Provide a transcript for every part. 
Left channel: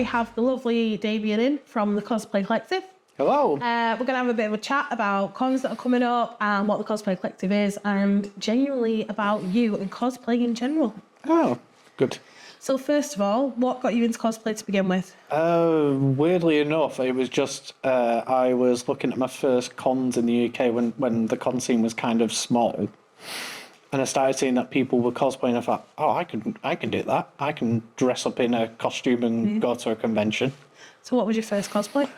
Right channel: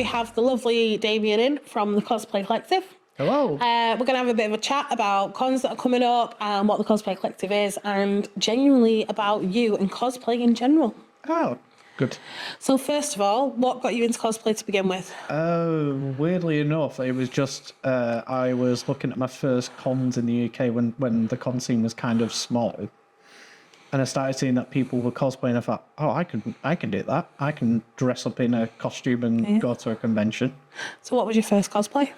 we have the lovely Damian in from the Cosplay Collective. Hello. We're going to have a bit of a chat about cons that are coming up and what the Cosplay Collective is, and genuinely about you and cosplay in general. Oh, good. So first of all, what got you into cosplay to begin with? Weirdly enough, it was just I was looking at my first cons in the UK when the con scene was kind of small, and I started seeing that people were cosplaying. I thought, oh, I can do that. I can dress up in a costume and go to a convention. So what was your first cosplay?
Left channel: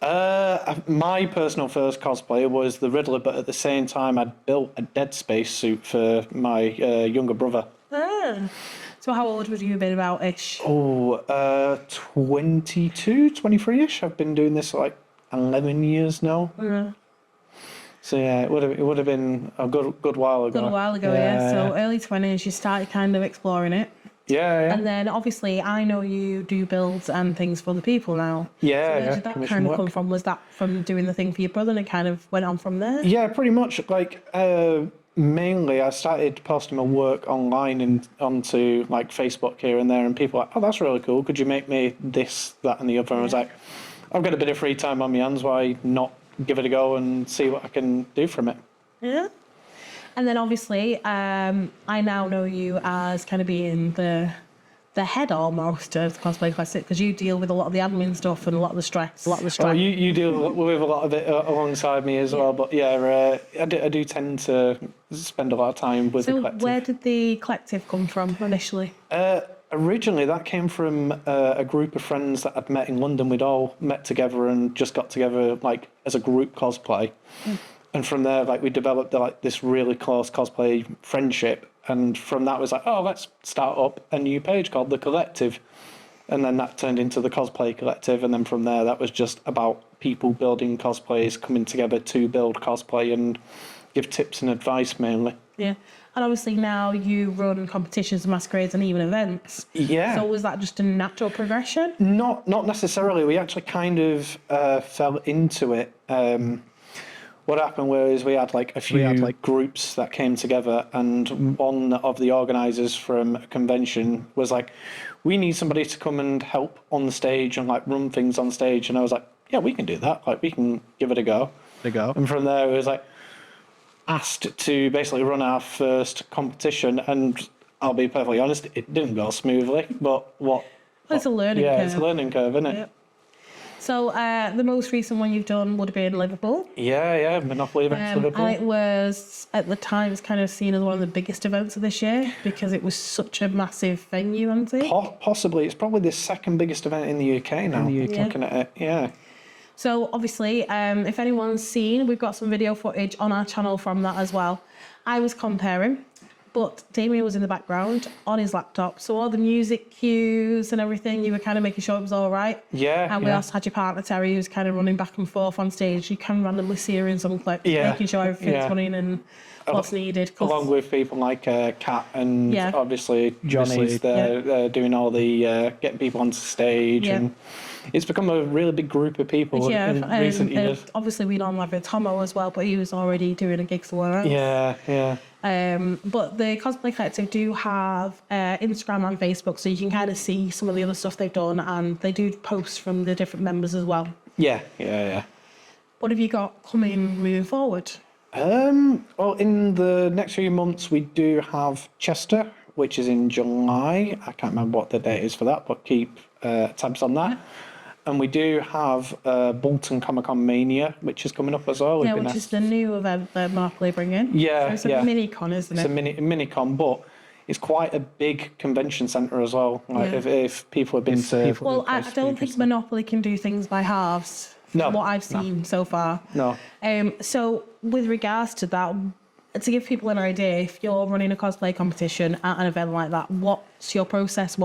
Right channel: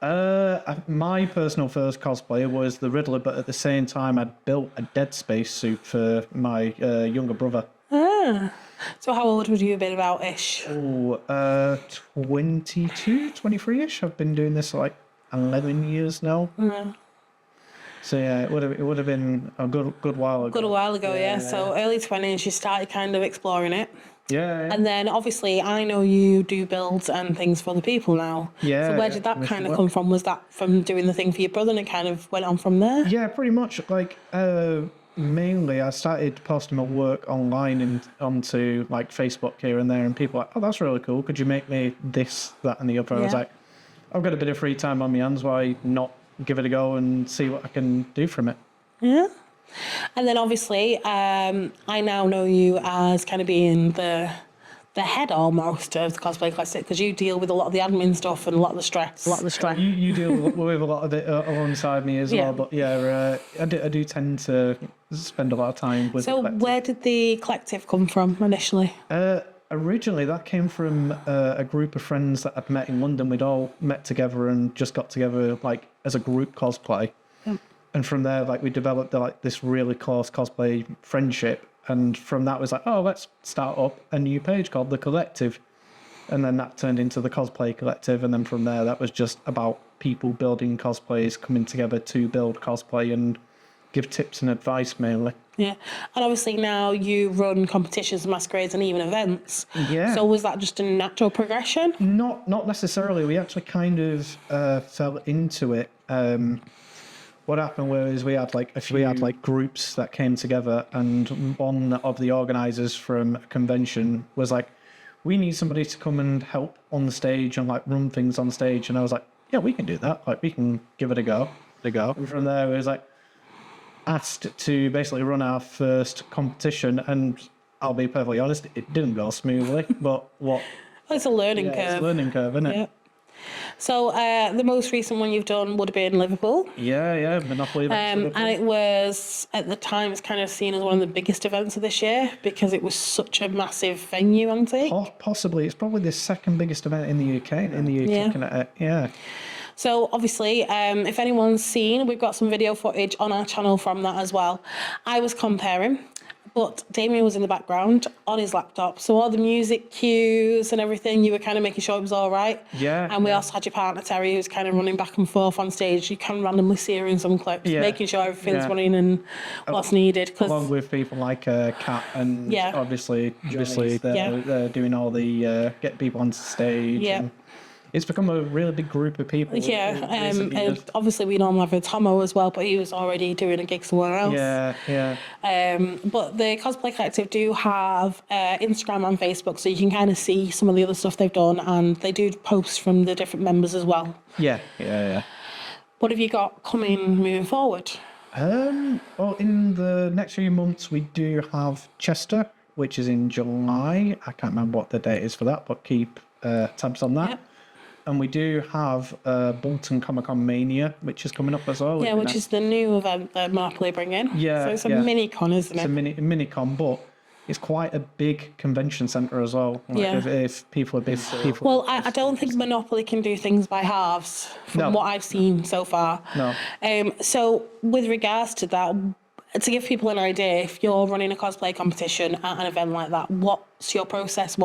My personal first cosplay was the Riddler, but at the same time, I'd built a Dead Space suit for my younger brother. Ah. So how old would you have been about-ish? 22, 23-ish. I've been doing this for like 11 years now. Yeah. So yeah, it would have been a good while ago. Good a while ago, yeah. So early 20s, you started kind of exploring it. Yeah. And then obviously I know you do builds and things for other people now. Yeah. So where did that kind of come from? Was that from doing the thing for your brother and it kind of went on from there? Yeah, pretty much. Like mainly I started posting my work online and onto like Facebook here and there, and people were like, oh, that's really cool. Could you make me this, that and the other? And I was like, I've got a bit of free time on my hands, why not give it a go and see what I can do from it? Yeah. And then obviously, I now know you as kind of being the head almost of the Cosplay Collective, because you deal with a lot of the admin stuff and a lot of the stress. Oh, you deal with a lot of it alongside me as well, but yeah, I do tend to spend a lot of time with the collective. So where did the collective come from initially? Originally, that came from a group of friends that I'd met in London. We'd all met together and just got together like as a group cosplay. And from there, like we developed like this really close cosplay friendship. And from that, was like, oh, let's start up a new page called The Collective. And then that turned into the Cosplay Collective. And then from there, that was just about people building cosplays, coming together to build cosplay and give tips and advice mainly. Yeah. And obviously now you run competitions, masquerades and even events. Yeah. So was that just a natural progression? Not necessarily. We actually kind of fell into it. What happened was we had like groups that came together, and one of the organisers from a convention was like, we need somebody to come and help on the stage and like run things on stage. And I was like, yeah, we can do that. Like we can give it a go. And from there, it was like asked to basically run our first competition. And I'll be perfectly honest, it didn't go smoothly. But it's a learning curve. Yeah, it's a learning curve, isn't it? Yeah. So the most recent one you've done would have been Liverpool. Yeah, Monopoly event Liverpool. And it was, at the time, it's kind of seen as one of the biggest events of this year because it was such a massive venue, wasn't it? Possibly. It's probably the second biggest event in the UK now. Looking at it, yeah. So obviously, if anyone's seen, we've got some video footage on our channel from that as well. I was comparing, but Damian was in the background on his laptop. So all the music cues and everything, you were kind of making sure it was all right. Yeah. And we also had your partner, Terry, who was kind of running back and forth on stage. You can randomly see her in some clips, making sure everything's running and what's needed. Along with people like Kat and obviously Johnny's they're doing all the getting people onto stage. Yeah. And it's become a really big group of people. Yeah, obviously we normally have Damo as well, but he was already doing a gig somewhere else. Yeah. But the Cosplay Collective do have Instagram and Facebook, so you can kind of see some of the other stuff they've done, and they do posts from the different members as well. Yeah. What have you got coming moving forward? Well, in the next few months, we do have Chester, which is in July. I can't remember what the date is for that, but keep tabs on that. Yeah. And we do have Bolton Comic-Con Mania, which is coming up as well. Yeah, which is the new event that Monopoly bring in. Yeah, so it's a mini-con, isn't it? It's a mini-con, but it's quite a big convention centre as well. Like if people have been to... Well, I don't think Monopoly can do things by halves from what I've seen so far. No. So with regards to that, to give people an idea, if you're running a cosplay competition at an event like that, what's your process?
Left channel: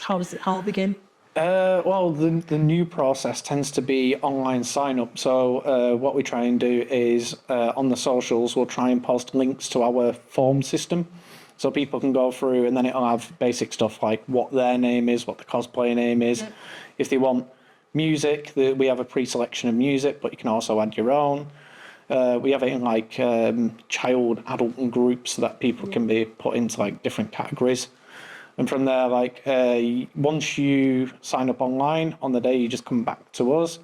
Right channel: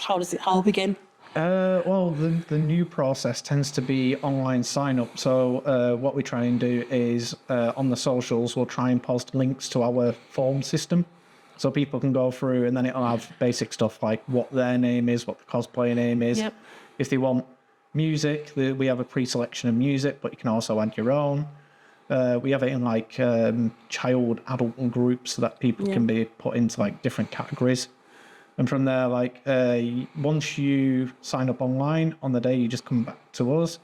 How does it all begin? Well, the new process tends to be online sign-up. So what we try and do is on the socials, we'll try and post links to our form system. So people can go through and then it'll have basic stuff like what their name is, what the cosplay name is. Yep. If they want music, we have a pre-selection of music, but you can also add your own. We have it in like child, adult and groups so that people can be put into like different categories. And from there, like, once you sign up online on the day, you just come back to us.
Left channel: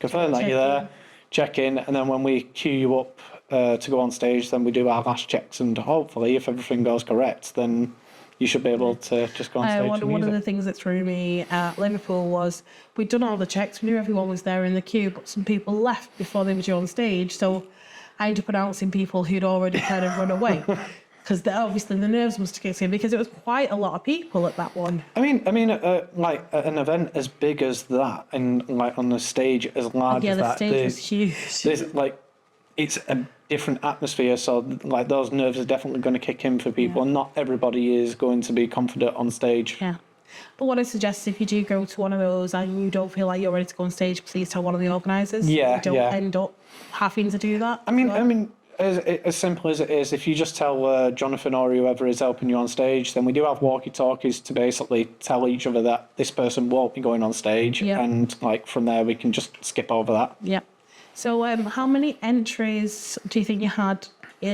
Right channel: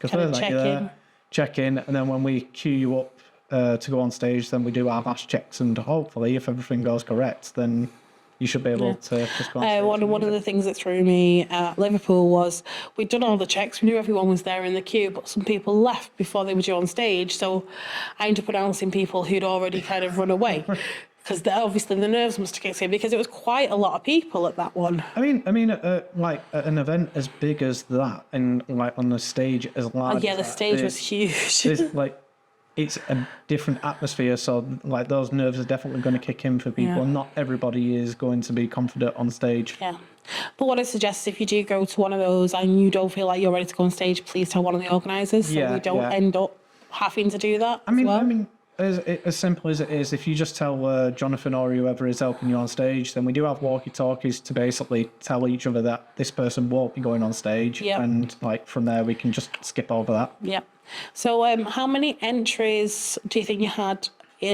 Confirm that you're there, check in, and then when we queue you up to go on stage, then we do our last checks, and hopefully, if everything goes correct, then you should be able to just go on stage. One of the things that threw me at Liverpool was we'd done all the checks, we knew everyone was there in the queue, but some people left before they were due on stage, so I ended up announcing people who'd already kind of run away. Because obviously the nerves must have kicked in, because it was quite a lot of people at that one. I mean, like at an event as big as that, and like on the stage as large as that. The stage was huge. Like, it's a different atmosphere, so like those nerves are definitely going to kick in for people. And not everybody is going to be confident on stage. Yeah. But what I suggest, if you do go to one of those and you don't feel like you're ready to go on stage, please tell one of the organisers. Yeah, so we don't end up having to do that. I mean, as simple as it is, if you just tell Jonathan or whoever is helping you on stage, then we do have walkie-talkies to basically tell each other that this person won't be going on stage, and like from there we can just skip over that. Yeah. So, how many entries do you think you had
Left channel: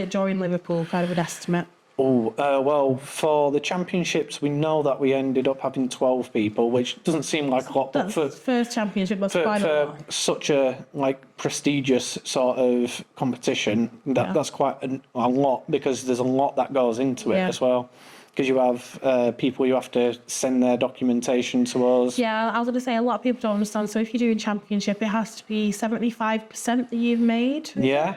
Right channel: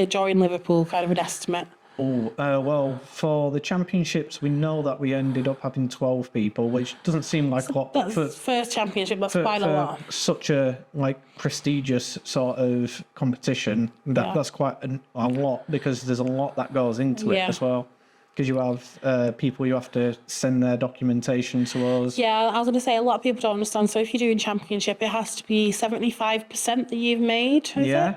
during Liverpool? Kind of an estimate. Well, for the championships, we know that we ended up having 12 people, which doesn't seem like a lot. But for first championship, that's quite a lot. Such a like prestigious sort of competition, that's quite a lot, because there's a lot that goes into it as well. Because you have people you have to send their documentation to us. Yeah, I was going to say, a lot of people don't understand. So if you're doing championship, it has to be 75% that you've made. Yeah.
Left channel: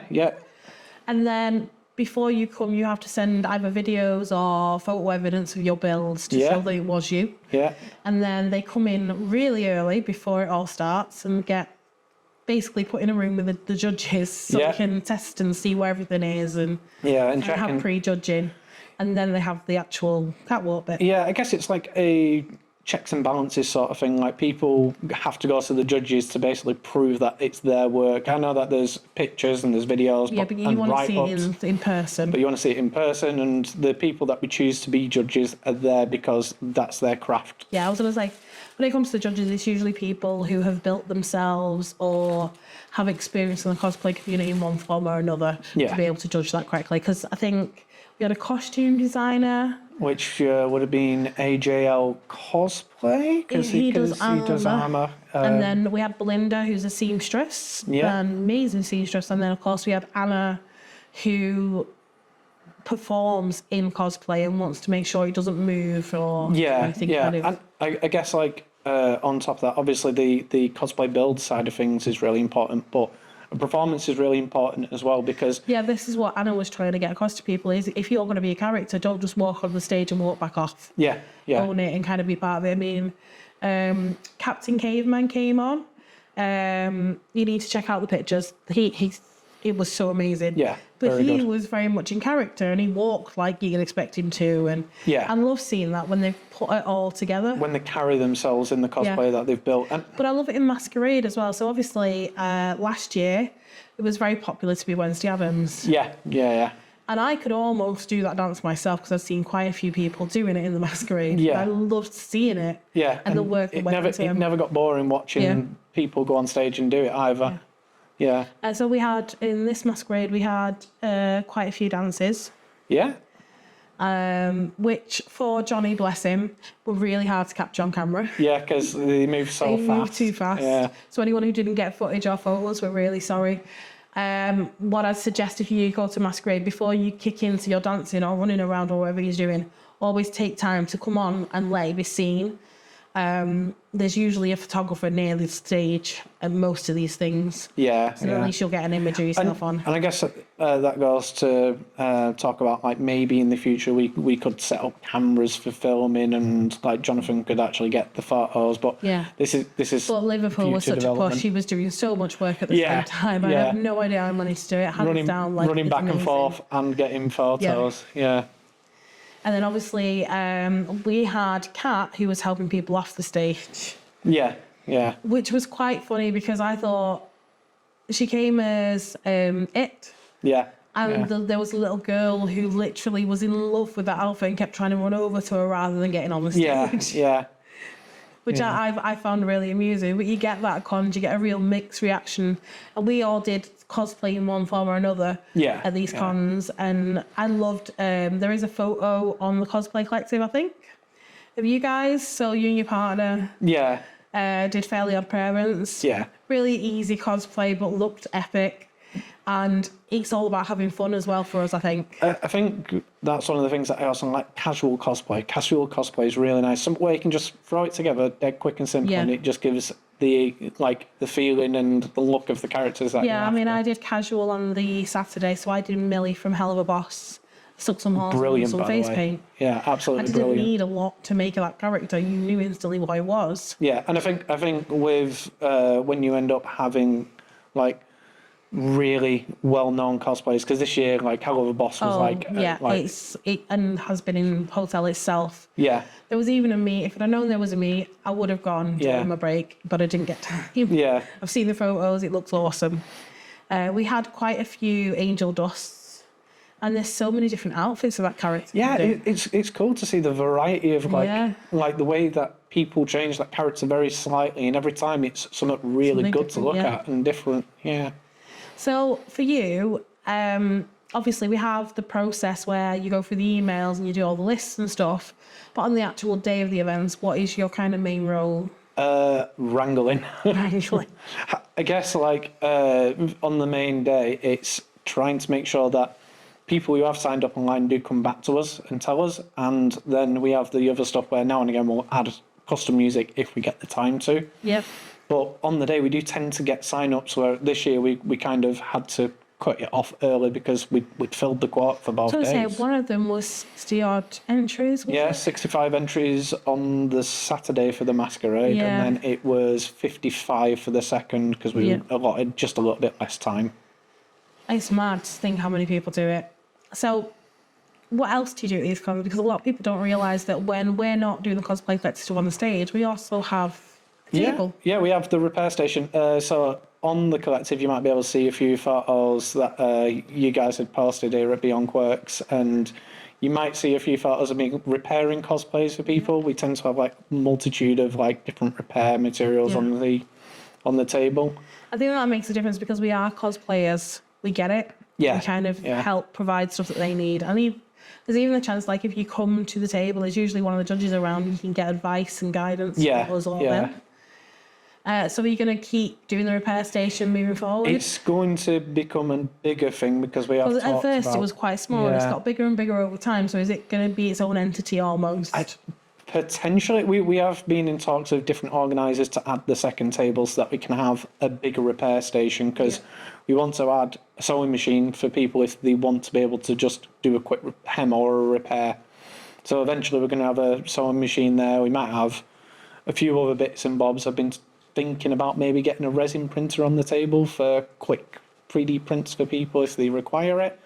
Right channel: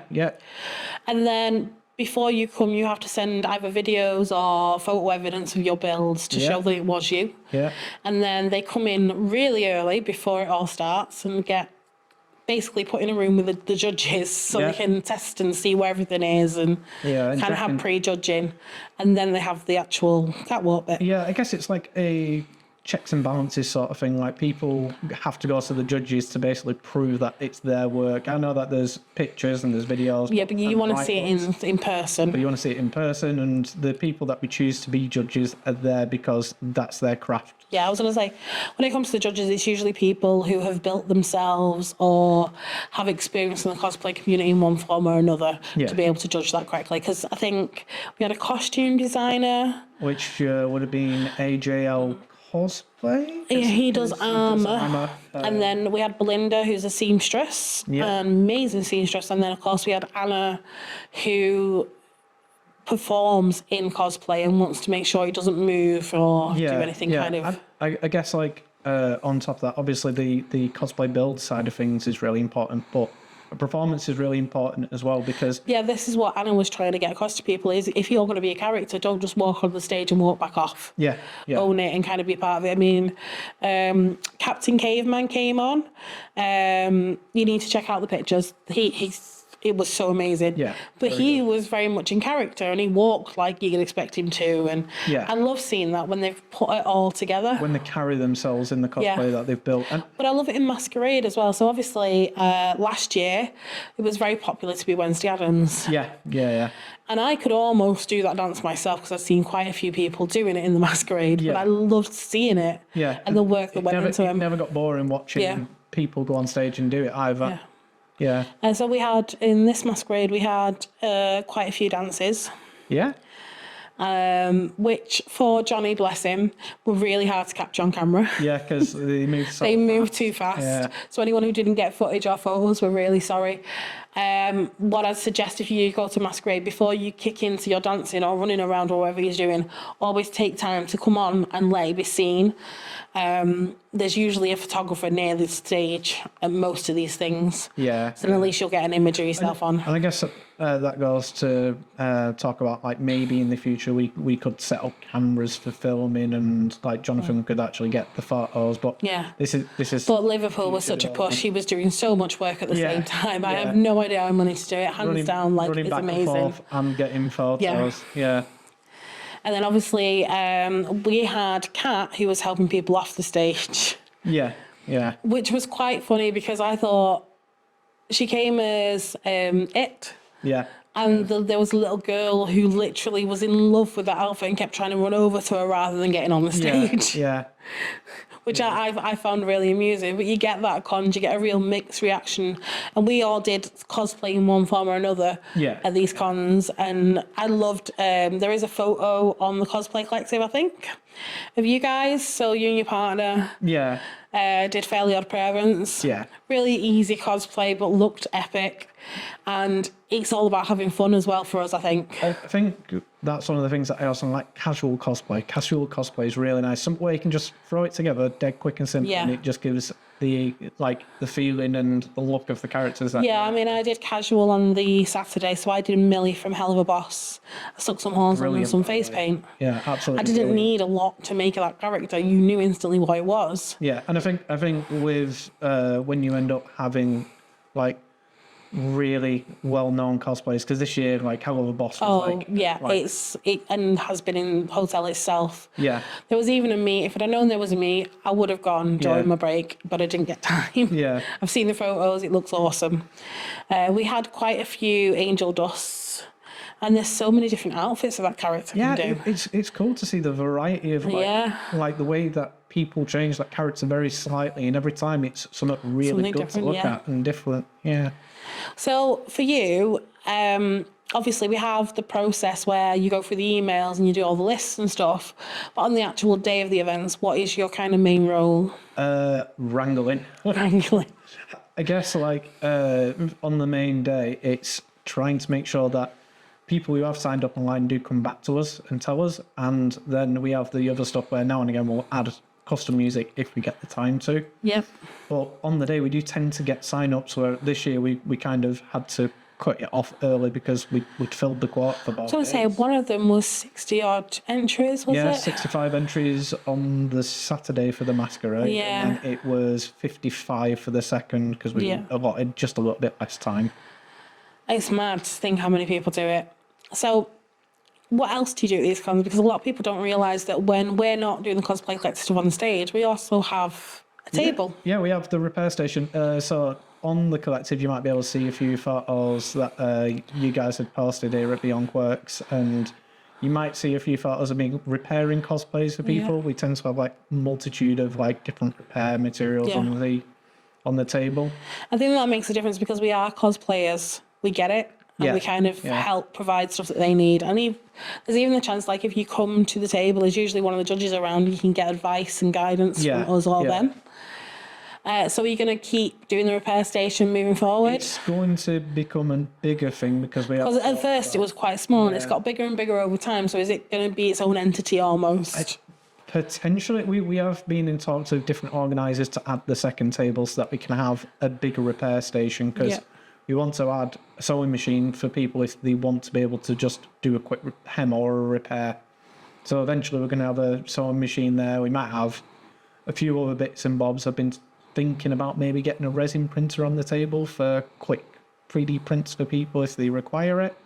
And then before you come, you have to send either videos or photo evidence of your builds to show that it was you. Yeah. And then they come in really early before it all starts and get basically put in a room with the judges so they can test and see where everything is and kind of have pre-judging. And then they have the actual catwalk bit. Yeah, I guess it's like a checks and balances sort of thing. Like, people have to go to the judges to basically prove that it's their work. I know that there's pictures and there's videos. Yeah, but you want to see it in person. But you want to see it in person, and the people that we choose to be judges are there because that's their craft. Yeah, I was going to say, when it comes to the judges, it's usually people who have built themselves or have experience in the cosplay community in one form or another to be able to judge that correctly. Because I think we had a costume designer, which would have been AJL Cosplay. He does armour. And then we had Belinda, who's a seamstress, an amazing seamstress. And then, of course, we had Anna, who performs in cosplay and wants to make sure he doesn't move or do anything kind of... I guess, like, on top of that, obviously the cosplay build side of things is really important, but performance is really important as well, because this is what Anna was trying to get across to people, is if you're going to be a character, don't just walk on the stage and walk back off. Own it and kind of be part of it. I mean, Captain Caveman came on. You need to check out the pictures. It was so amazing. But he was very much in character, and he walked like you'd expect him to. And I love seeing that when they've put it all together. When they carry themselves in the cosplay that they've built. But I love it in Masquerade as well. So obviously, last year, it was very popular to be Wednesday Addams. Yeah. And I could almost do that dance myself, because I've seen quite a few people doing it in the Masquerade. But I loved seeing it. And the work that went into it. It never got boring watching people go on stage and do it either. And so we had, in this Masquerade, we had quite a few dances. Which, for Johnny, bless him, were really hard to capture on camera. Because they moved so fast. They moved too fast. So anyone who didn't get footage or photos, we're really sorry. What I'd suggest, if you go to Masquerade, before you kick into your dancing or running around or whatever you're doing, always take time to come on and let it be seen. There's usually a photographer near the stage at most of these things. So at least you'll get an image of yourself on. And I guess that goes to talk about, like, maybe in the future we could set up cameras for filming, and like Jonathan could actually get the photos. But this is. But Liverpool was such a push. He was doing so much work at the same time. I have no idea how he managed to do it. Hands down, like, running it's back amazing. and forth and getting photos. And then obviously we had Kat, who was helping people off the stage. Which was quite funny, because I thought she came as It. And there was a little girl who literally was in love with that outfit and kept trying to run over to her rather than getting on the stage. which I found really amusing. But you get that at cons, you get a real mixed reaction. And we all did cosplay in one form or another at these cons. And I loved, there is a photo on the Cosplay Collective, I think, of you guys. So you and your partner did Fairly Odd Parents. Yeah. Really easy cosplay, but looked epic. And it's all about having fun as well for us, I think. I think that's one of the things that I also like, casual cosplay. Casual cosplay is really nice. Some way you can just throw it together, dead quick and simple, and it just gives the feeling and the look of the characters. That I mean, I did casual on the Saturday, so I did Millie from Hell of a Boss. I stuck some holes in and some face paint. Yeah, absolutely. I didn't need a lot to make that character. You knew instantly what it was. Yeah, and I think with when you end up having like really well-known cosplayers, because this year like Hell of a Boss was it and has been in hotel itself. Yeah, there was even a meet. If I'd have known there was a meet, I would have gone during my break, but I didn't get time. Yeah, I've seen the photos. It looks awesome. We had quite a few angel dusts, and there's so many different outfits for that character. Yeah, it's cool to see the variety of like the way that people change that character very slightly, and every time it's something really good to look at and different. Yeah. So for you, obviously we have the process where you go through the emails and you do all the lists and stuff, but on the actual day of the events, what is your kind of main role? Wrangling. Wrangling. I guess like on the main day, it's trying to make sure that people who have signed up online do come back to us and tell us, and then we have the other stuff where now and again we'll add custom music if we get the time to. Yep. But on the day, we do tend to get sign-ups, where this year we kind of had to cut it off early because we'd filled the quota for both days. So I say one of them was 60-odd entries, was it? Yeah, 65 entries on the Saturday for the masquerade, and then it was 55 for the second because we allotted just a little bit less time. It's mad to think how many people do it. So what else do you do at these cons? Because a lot of people don't realise that when we're not doing the Cosplay Collective on the stage, we also have a table. Yeah, we have the repair station. So on the collective, you might be able to see a few photos that you guys had posted here at Beyond Quirks, and you might see a few photos of me repairing cosplays for people. We tend to have like multitude of like different repair materials on the table. I think that makes a difference because we are cosplayers. We get it. And we kind of help provide stuff that they need. And there's even a chance, like, if you come to the table, there's usually one of the judges around, you can get advice and guidance from us all then. So are you going to keep doing the repair station moving forward? It's going to become a bigger thing because we have at first it was quite small and it's got bigger and bigger over time. So is it going to be its own entity almost? Potentially. We have been in talks with different organisers to add the second table so that we can have a bigger repair station because we want to add a sewing machine for people if they want to be able to just do a quick hem or a repair. So eventually we're going to have a sewing machine there. We might have a few other bits and bobs. I've been thinking about maybe getting a resin printer on the table for quick 3D prints for people if they require it.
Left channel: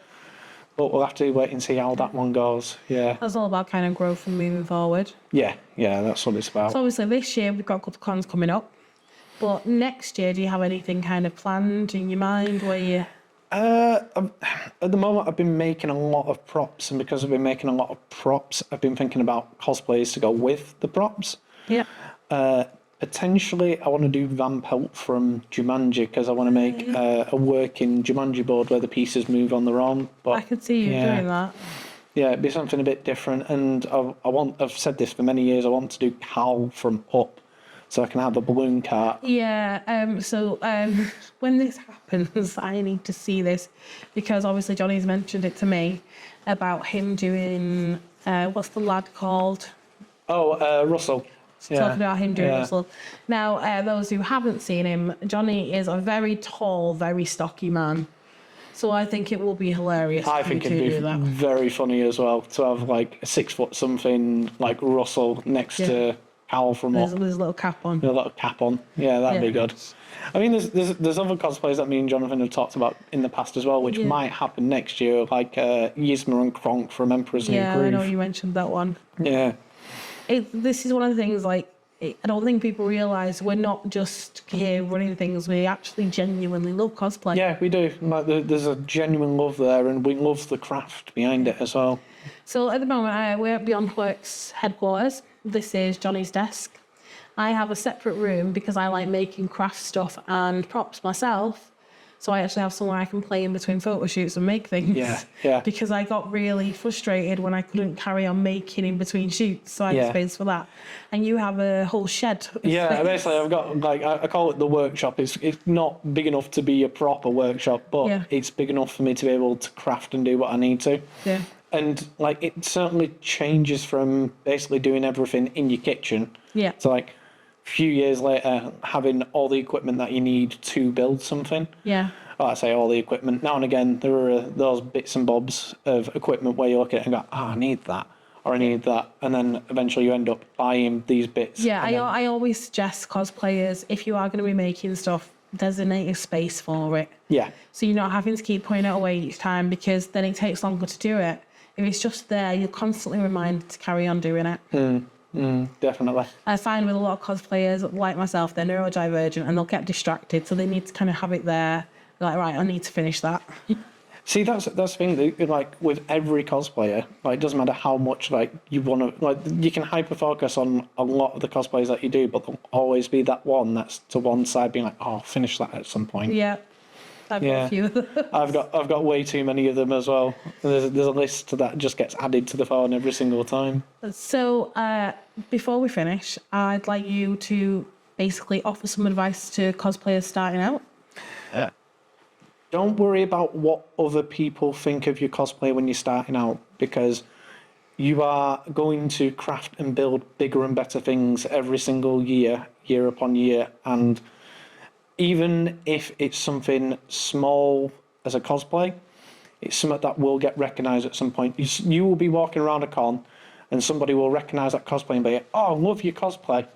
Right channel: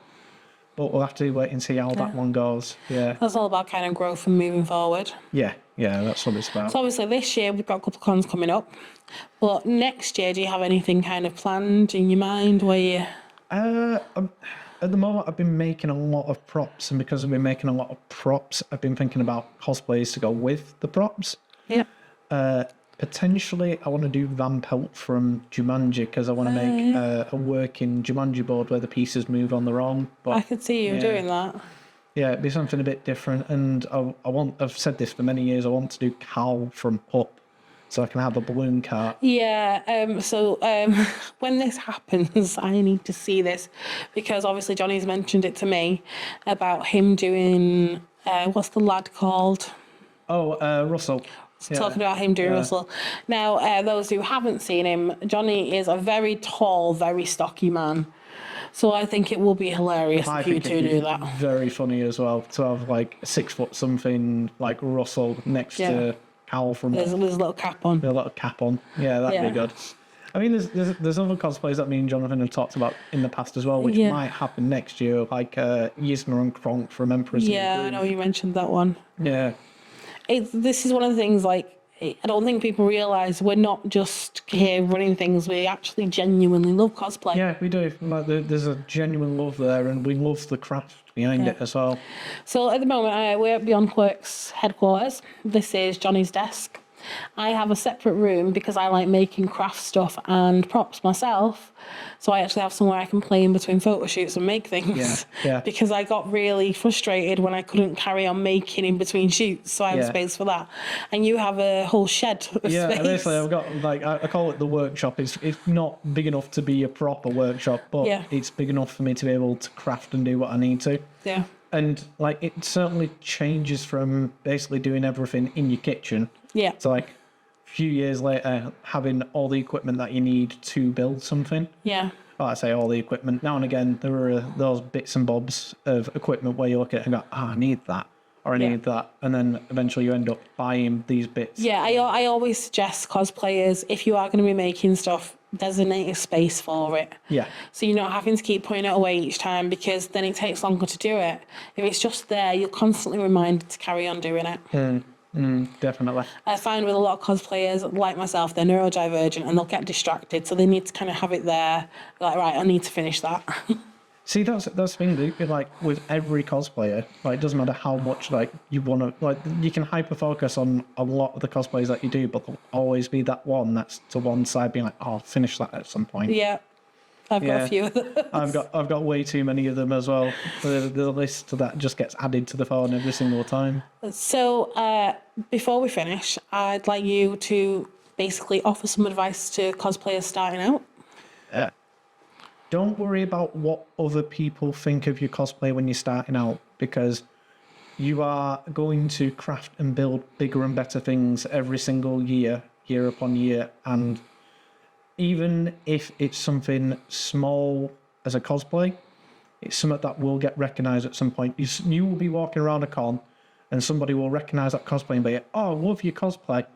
But we'll have to wait and see how that one goes. Yeah. That's all about kind of growth and moving forward. Yeah, that's what it's about. So obviously this year we've got a couple of cons coming up. But next year, do you have anything kind of planned in your mind where you... At the moment, I've been making a lot of props, and because I've been making a lot of props, I've been thinking about cosplays to go with the props. Yeah. Potentially, I want to do Van Pelt from Jumanji, because I want to make a working Jumanji board where the pieces move on their own. But I could see you doing that. Yeah, it'd be something a bit different, and I've said this for many years, I want to do Cal from Up, so I can have a balloon cart. Yeah, so when this happens, I need to see this because obviously Johnny's mentioned it to me about him doing, what's the lad called? Oh, Russell. Talking about him doing Russell. Now, those who haven't seen him, Johnny is a very tall, very stocky man. So I think it will be hilarious I if you think two it'd do be that. very funny as well to have like a 6 foot something like Russell next to Cal from There's a little cap on. A little cap on. Yeah, that'd be good. I mean, there's other cosplays that me and Jonathan have talked about in the past as well, which might happen next year, like Yzma and Kronk from Emperor's New Groove. Yeah, I know you mentioned that one. Yeah. This is one of the things, like, I don't think people realise we're not just here running things, we actually genuinely love cosplay. Yeah, we do. Like, there's a genuine love there, and we love the craft behind it as well. So at the moment, we're at Beyond Quirks headquarters. This is Johnny's desk. I have a separate room because I like making craft stuff and props myself. So I actually have somewhere I can play in between photo shoots and make things. Yeah. Because I got really frustrated when I couldn't carry on making in between shoots. So I have space for that. And you have a whole shed of Yeah, space. basically I've got, like, I call it the workshop. It's not big enough to be a proper workshop, but it's big enough for me to be able to craft and do what I need to. Yeah. And, like, it certainly changes from basically doing everything in your kitchen. Yeah. So, like, a few years later, having all the equipment that you need to build something. Yeah. Well, I say all the equipment. Now and again, there are those bits and bobs of equipment where you look at it and go, I need that, or I need that. And then eventually you end up buying these bits. Yeah, I always suggest cosplayers, if you are going to be making stuff, designate a space for it. Yeah. So you're not having to keep putting it away each time, because then it takes longer to do it. If it's just there, you're constantly reminded to carry on doing it. Definitely. I find with a lot of cosplayers like myself, they're neurodivergent and they'll get distracted, so they need to kind of have it there. Like, right, I need to finish that. See, that's the thing. Like with every cosplayer, like it doesn't matter how much like you want to. Like you can hyper focus on a lot of the cosplays that you do, but there'll always be that one that's to one side, being like, "Oh, I'll finish that at some point." Yeah, I've got a few of them. I've got way too many of them as well. There's a list that just gets added to the phone every single time. So before we finish, I'd like you to basically offer some advice to cosplayers starting out. Yeah. Don't worry about what other people think of your cosplay when you're starting out, because you are going to craft and build bigger and better things every single year, year upon year. And even if it's something small as a cosplay, it's something that will get recognised at some point. You will be walking around a con and somebody will recognise that cosplay and be like, "Oh, I love your cosplay."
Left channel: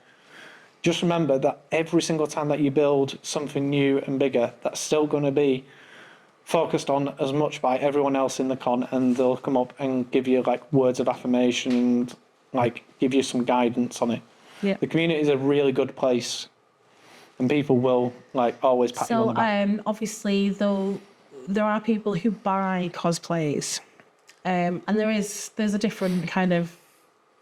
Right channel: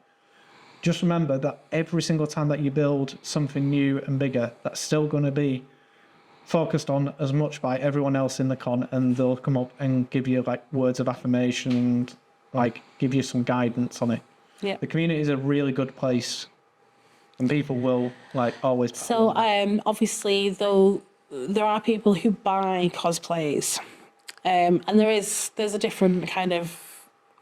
Just remember that every single time that you build something new and bigger, that's still going to be focused on as much by everyone else in the con, and they'll come up and give you like words of affirmation and like give you some guidance on it. Yeah. The community is a really good place, and people will like always pat you on So the back. obviously, though, there are people who buy cosplays, and there's a different kind of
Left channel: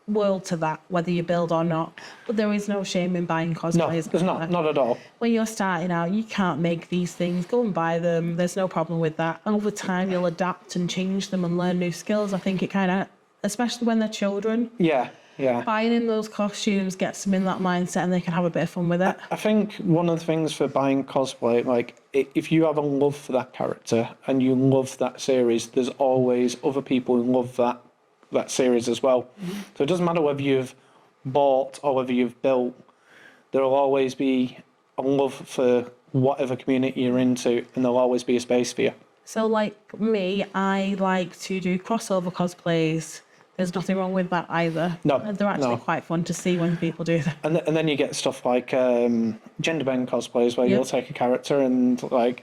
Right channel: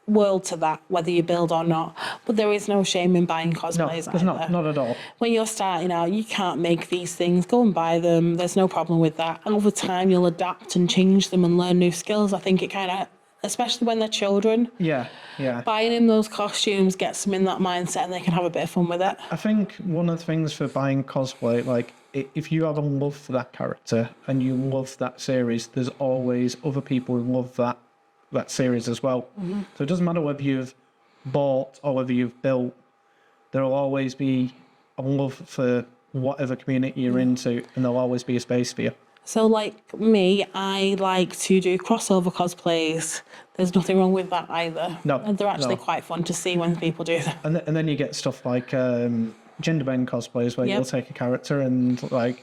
world to that, whether you build or not. But there is no shame in buying No, cosplays. there's not at all. When you're starting out, you can't make these things. Go and buy them. There's no problem with that. Over time, you'll adapt and change them and learn new skills. I think it kind of, especially when they're children, Yeah. buying in those costumes gets them in that mindset and they can have a bit of fun with it. I think one of the things for buying cosplay, like if you have a love for that character and you love that series, there's always other people who love that series as well. So it doesn't matter whether you've bought or whether you've built, there'll always be a love for whatever community you're into, and there'll always be a space for you. So like me, I like to do crossover cosplays. There's nothing wrong with that either. No, And they're actually no. quite fun to see when people do them. And then you get stuff like gender bend cosplays, where Yeah. you'll take a character and like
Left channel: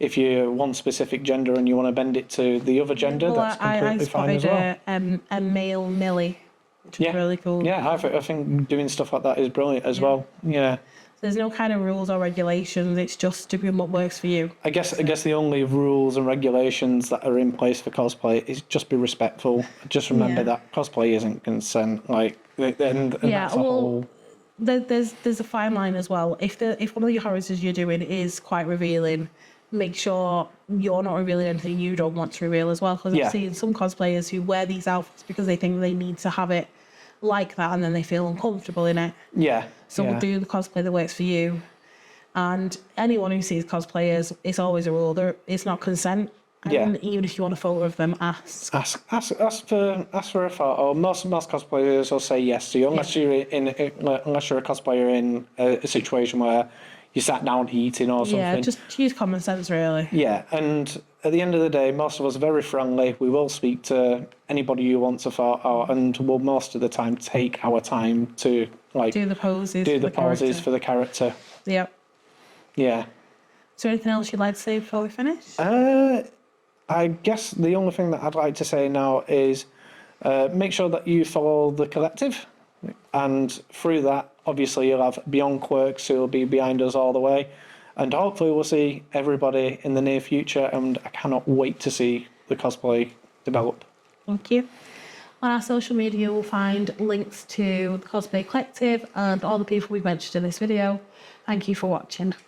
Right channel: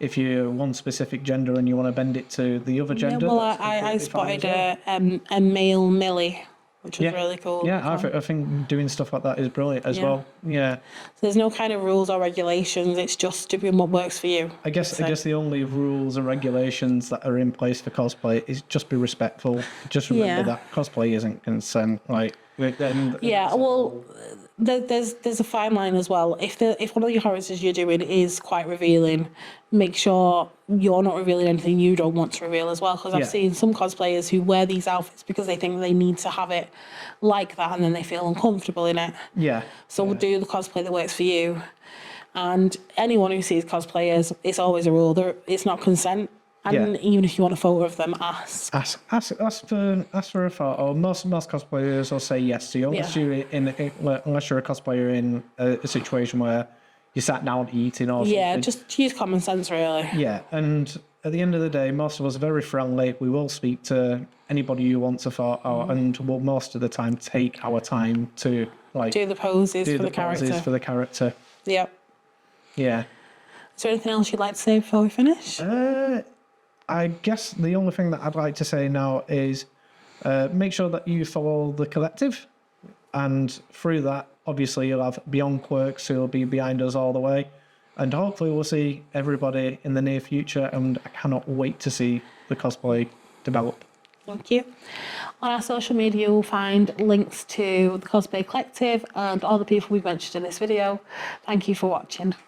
if you're one specific gender and you want to bend it to the other gender, Well, that's I completely fine as spotted well. a male Millie, which was really cool. Yeah, I think doing stuff like that is brilliant as Yeah. well. Yeah. So there's no kind of rules or regulations. It's just doing what works for you. I guess the only rules and regulations that are in place for cosplay is just be respectful. Just remember that cosplay isn't consent. Like, and Yeah, that's a well, whole- there's a fine line as well. If one of the characters you're doing is quite revealing, make sure you're not revealing anything you don't want to reveal as well. Because I've Yeah. seen some cosplayers who wear these outfits because they think they need to have it like that, and then they feel uncomfortable in it. yeah. So yeah. do the cosplay that works for you. And anyone who sees cosplayers, it's always a rule. It's not consent. And even if you want a photo of them, ask. Ask for a photo. Most cosplayers will say yes to you, unless you're a cosplayer in a situation where you sat down eating or something. Yeah, just use common sense, really. Yeah, and at the end of the day, most of us are very friendly. We will speak to anybody who wants a photo, and we'll most of the time take our time to like Do the poses do for the the character. poses for the character. Yep. Yeah. Is there anything else you'd like to say before we finish? I guess the only thing that I'd like to say now is make sure that you follow the collective, and through that, obviously, you'll have Beyond Quirks who will be behind us all the way, and hopefully we'll see everybody in the near future, and I cannot wait to see the cosplay develop. Thank you. On our social media, you'll find links to the Cosplay Collective and all the people we've mentioned in this video. Thank you for watching.